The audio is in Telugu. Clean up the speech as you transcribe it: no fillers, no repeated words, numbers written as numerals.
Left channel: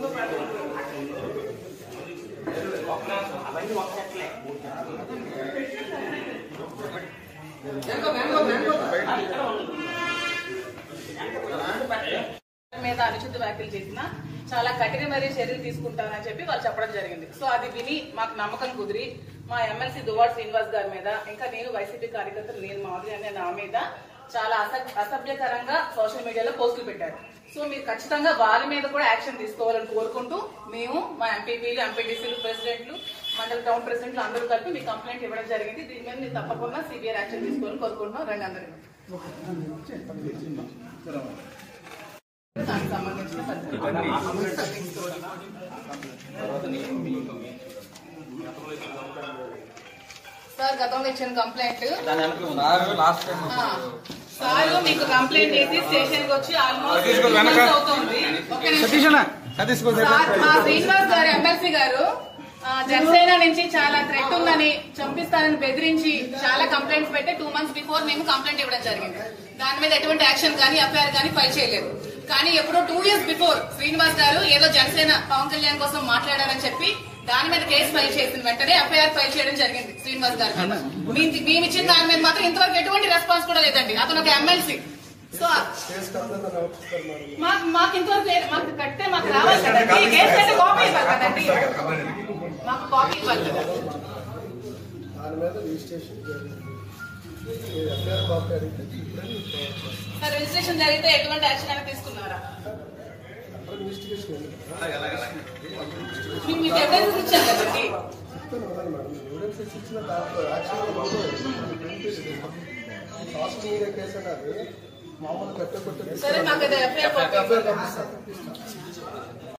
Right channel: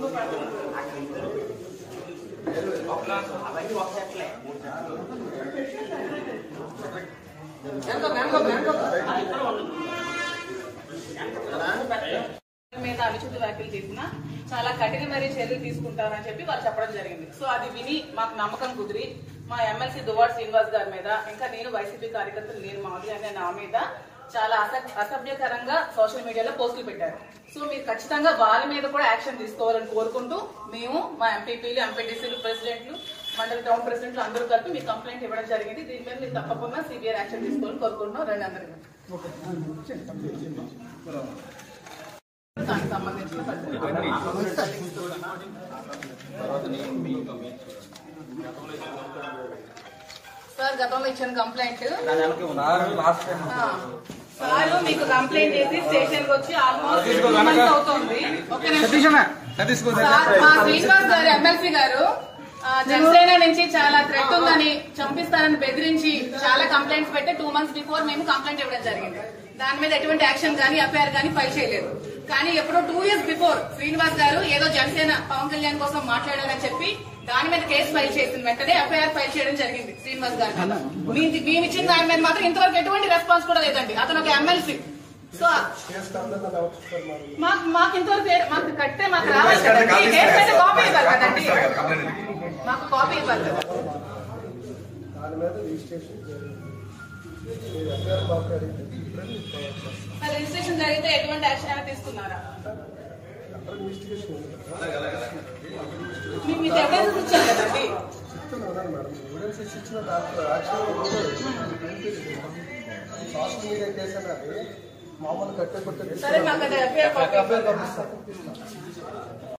మీద అనుచిత వ్యాఖ్యలు చేసినా చాలా కఠినమైన చర్యలు తీసుకుంటామని చెప్పి వాళ్ళు చెప్పడం జరిగింది. సో అది విని మాకు నమ్మకం కుదిరి మా ఎమ్మెల్సీ దువ్వాడ శ్రీనివాస్ గారి మీద, ఇంకా నేను వైసీపీ కార్యకర్తలు నేను మాధురి అనే నా మీద చాలా అసభ్యకరంగా సోషల్ మీడియాలో పోస్టులు పెట్టారు. సో మీరు ఖచ్చితంగా వాళ్ళ మీద కూడా యాక్షన్ తీసుకోవాలని కోరుకుంటూ మేము మా ఎంపీపీలు, ఎంపీటీసీలు, ప్రెసిడెంట్లు, మండల టౌన్ ప్రెసిడెంట్లు అందరూ కలిపి మీ కంప్లైంట్ ఇవ్వడం జరిగింది. దీని మీద మీరు తప్పకుండా సివియర్ యాక్షన్ తీసుకోవాలని కోరుకుంటున్నాం. రెండు అందరూ దానికి సంబంధించిన సార్ గతంలో ఇచ్చిన కంప్లైంట్ సార్ మీకు కంప్లైంట్ చేసి స్టేషన్ కి వచ్చి ఆల్మోస్ట్ అవుతుంది. శ్రీనివాస్ గారు ఎమ్మెల్సీ గారు జనసేన నుంచి చాలా థ్రెట్ ఉందని, చంపిస్తానని బెదిరించి చాలా కంప్లైంట్స్ పెట్టి 2 months బిఫోర్ మేము కంప్లైంట్ ఇవ్వడం జరిగింది. దాని మీద ఎటువంటి యాక్షన్ కానీ ఎఫ్ఐఆర్ కానీ ఫైల్ చేయలేదు. కానీ ఎప్పుడో 2 years బిఫోర్ శ్రీనివాస్ గారు ఏదో జనసేన పవన్ కళ్యాణ్ కోసం మాట్లాడారని చెప్పి దాని మీద కేసు ఫైల్ చేసిన వెంటనే ఎఫ్ఐఆర్ ఫైల్ చేయడం జరిగింది శ్రీనివాస్ గారు. మేము ఇచ్చిన దాని మీద మాత్రం ఇంతవరకు ఎటువంటి రెస్పాన్స్ కూడా లేదండి. అతను ఒక ఎమ్మెల్సీ. సో మాకు ఇంతవరకు మాకు కట్టే మాకు రావాలి కదండి, కేసు అయితే కాపీ ఇవ్వాలి కదండి, మాకు కాపీ ఇవ్వాలి కదా. రిజిస్ట్రేషన్ జరిగితే ఎటువంటి యాక్షన్ అయినా తీసుకున్నారా? మీకు ఎవిడెన్స్ ఇచ్చారు కదండి. సోషల్ మీడియా కేసు అనేది మామూలు కట్టె సరే మాకు ఎఫ్ఐఆర్